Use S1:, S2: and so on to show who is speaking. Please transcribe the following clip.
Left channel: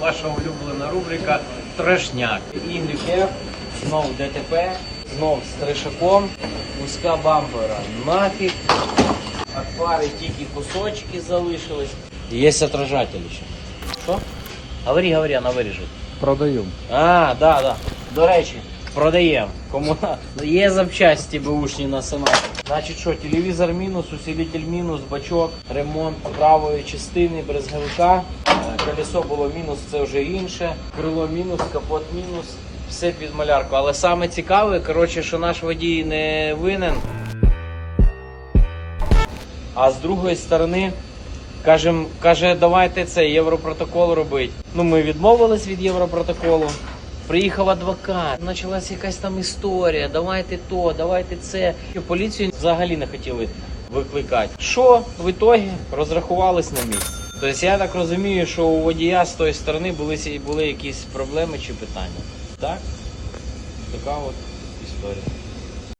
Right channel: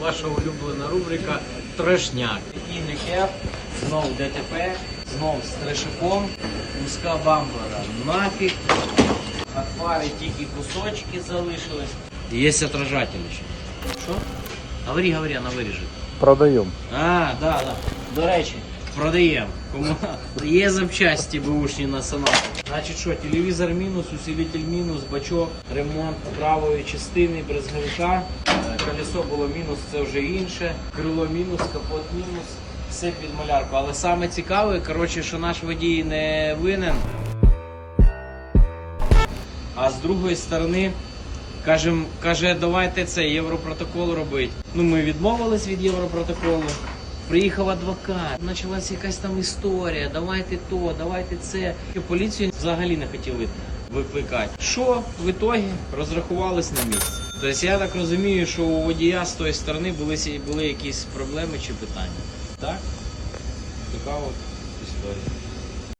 S1: ваша улюблена рубрика Трешняк. YF, знов ДТП, знов з трешаком, куска бампера нафіг. От фари тільки кусочки залишились. Є отражатель ще. Що? Говори, говори, вона виріже.
S2: Продаємо.
S1: А, да, да. До речі, продаємо. Кому на- є запчасті бушні на сонату. Значить що, телевізор мінус, усилитель мінус, бачок, ремонт правої частини брезговика. Колесо було мінус, це вже інше. Крило мінус, капот мінус. Все під малярку. Але саме цікаве, коротше, що наш водій не винен. А з другої сторони, кажем, каже, давайте це європротокол робити. Ну, ми відмовились від європротоколу. Приїхав адвокат, почалася якась там історія. Давайте то, давайте це. І Поліцію взагалі не хотіли викликати. Що в ітогі розрахувались на місці. Тобто я так розумію, що у водія з тої сторони були, були якісь проблеми чи питання. Так? Така от історія.